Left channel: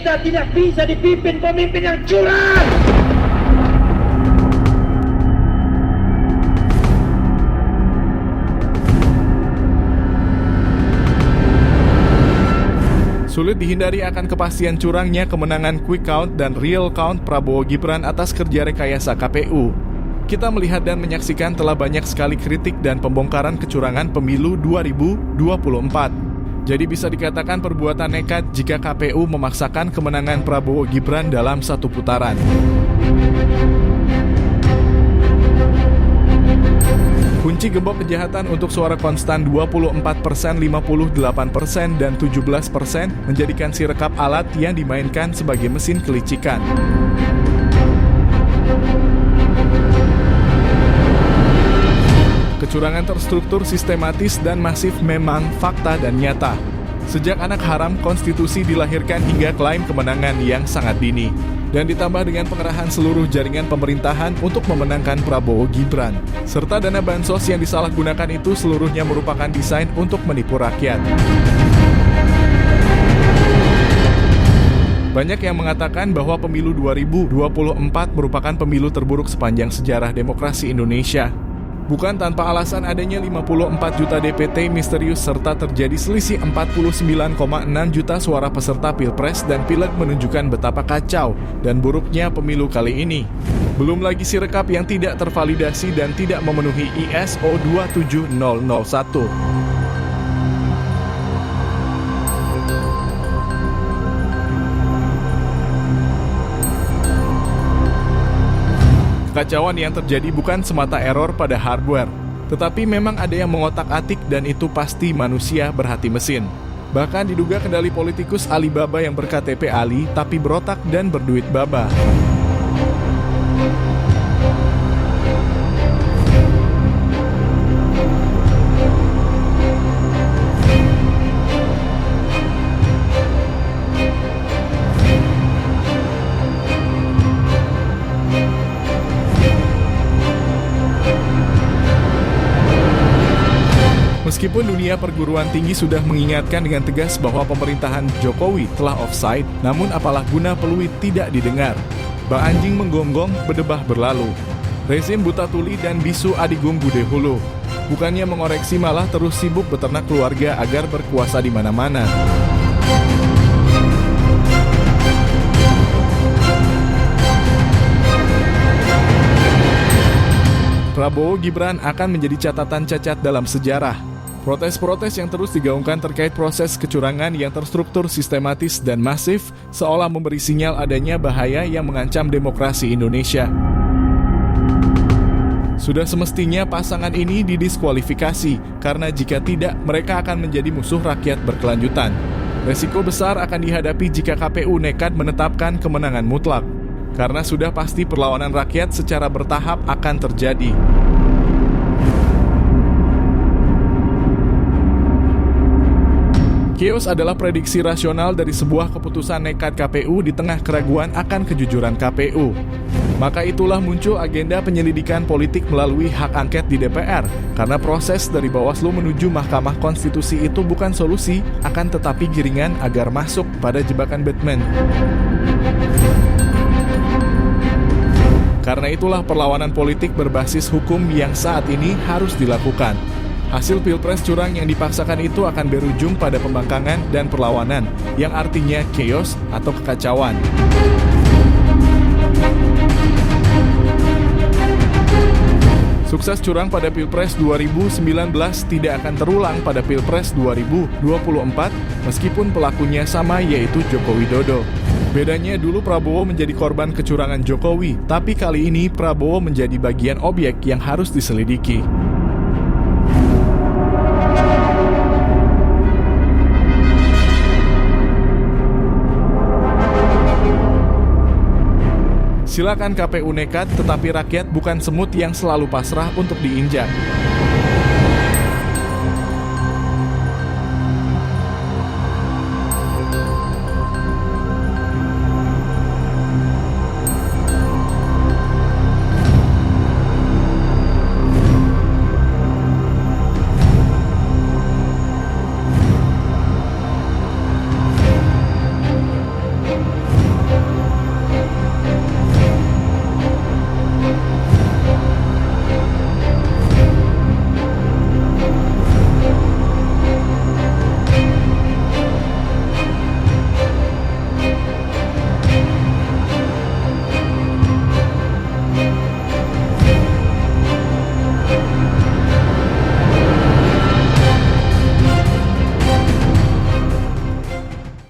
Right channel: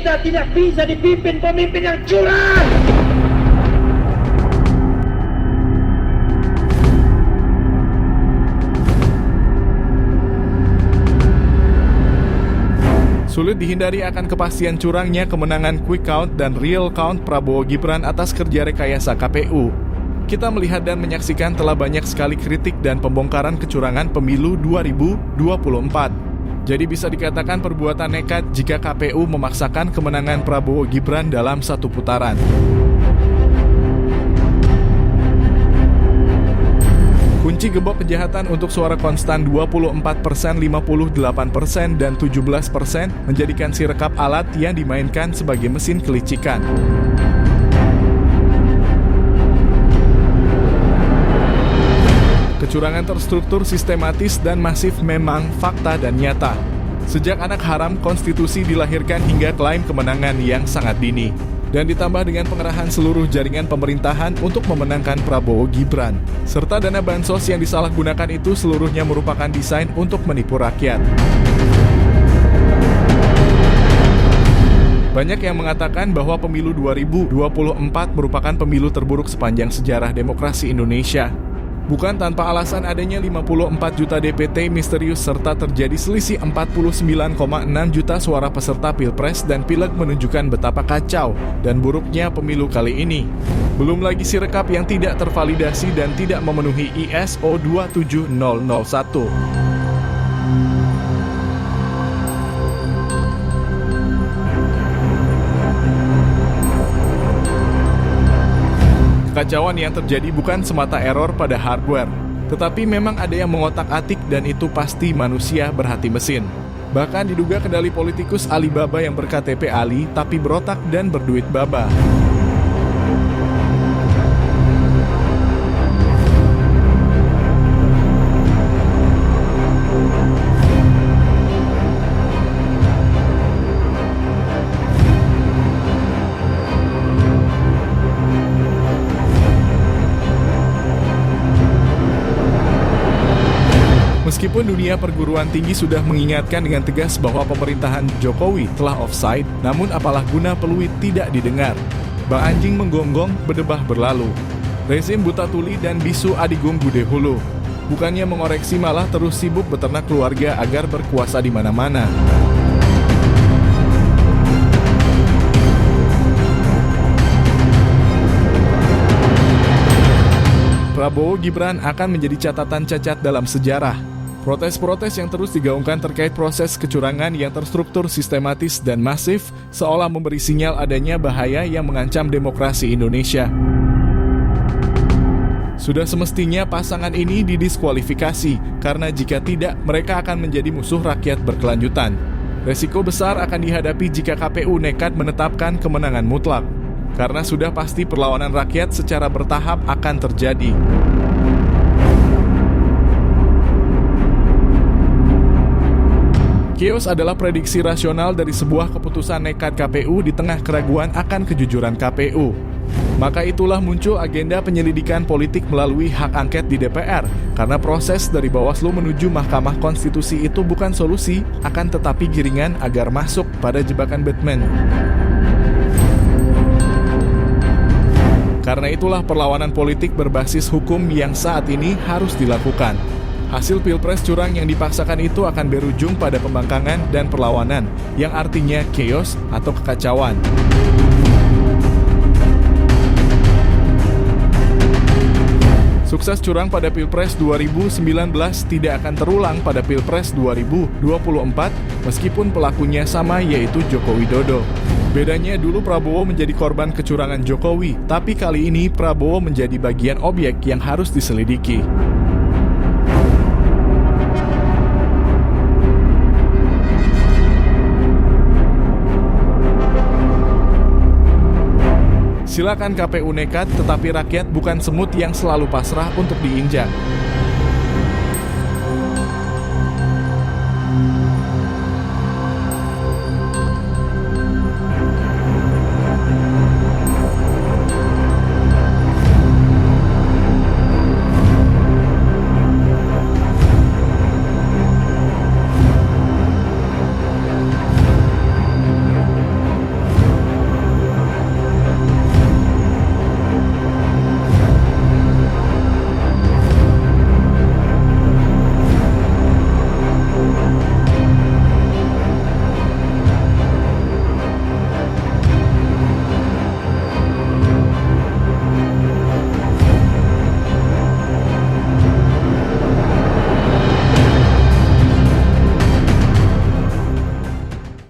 Kita tidak bisa dipimpin pemimpin yang curang. Sulit dihindari akan kepastian curangnya kemenangan quick count dan real count Prabowo Gibran atas kerja rekayasa KPU. Kita melihat dan menyaksikan telah banyak sekali kritik dan pembongkaran kecurangan pemilu 2024. Jadi bisa dikatakan perbuatan nekat jika KPU memaksakan kemenangan Prabowo Gibran dalam satu putaran. Kunci gembok kejahatan untuk suara konstan 24%, 58%, dan 17% menjadikan Sirekap alat yang dimainkan sebagai mesin kelicikan. Kecurangan terstruktur, sistematis, dan masif memang fakta dan nyata. Sejak anak haram konstitusi dilahirkan hingga klaim kemenangan yang sangat dini. Dan ditambah dengan pengerahan seluruh jaringan pemerintahan untuk memenangkan Prabowo Gibran. Serta dana bansos yang disalahgunakan itu seluruhnya merupakan desain untuk menipu rakyat. Banyak yang mengatakan bahwa pemilu 2024 merupakan pemilu terburuk sepanjang sejarah demokrasi Indonesia. Bukan tanpa alasan adanya 54 juta DPT misterius serta terjadi selisih 49,6 juta suara peserta Pilpres dan Pileg menunjukkan betapa kacau dan buruknya pemilu kali ini. Belum lagi Sirekap yang tidak tervalidasi dan tidak memenuhi ISO 27001. Kekacauan yang terjadi bukan semata error pada hardware, tetapi memang ada yang mengotak-atik dan itu pasti manusia berhati mesin. Bahkan diduga kendali politikus Alibaba yang berKTP Ali tapi berotak dan berduit baba. Meskipun dunia perguruan tinggi sudah mengingatkan dengan tegas bahwa pemerintahan Jokowi telah offside, namun apalah guna peluit tidak didengar. Bang anjing menggonggong, berdebah berlalu. Rezim buta tuli dan bisu adigung bude hulu. Bukannya mengoreksi malah terus sibuk beternak keluarga agar berkuasa di mana-mana. Prabowo Gibran akan menjadi catatan cacat dalam sejarah. Protes-protes yang terus digaungkan terkait proses kecurangan yang terstruktur, sistematis, dan masif seolah memberi sinyal adanya bahaya yang mengancam demokrasi Indonesia. Sudah semestinya pasangan ini didiskualifikasi, karena jika tidak, mereka akan menjadi musuh rakyat berkelanjutan. Resiko besar akan dihadapi jika KPU nekat menetapkan kemenangan mutlak, karena sudah pasti perlawanan rakyat secara bertahap akan terjadi. Chaos adalah prediksi rasional dari sebuah keputusan nekat KPU di tengah keraguan akan kejujuran KPU. Maka itulah muncul agenda penyelidikan politik melalui hak angket di DPR, karena proses dari Bawaslu menuju Mahkamah Konstitusi itu bukan solusi, akan tetapi giringan agar masuk pada jebakan Batman. Karena itulah perlawanan politik berbasis hukum yang saat ini harus dilakukan. Hasil Pilpres curang yang dipaksakan itu akan berujung pada pembangkangan dan perlawanan, yang artinya chaos atau kekacauan. Sukses curang pada Pilpres 2019 tidak akan terulang pada Pilpres 2024 meskipun pelakunya sama, yaitu Joko Widodo. Bedanya dulu Prabowo menjadi korban kecurangan Jokowi, tapi kali ini Prabowo menjadi bagian objek yang harus diselidiki. Silakan KPU nekat, tetapi rakyat bukan semut yang selalu pasrah untuk diinjak.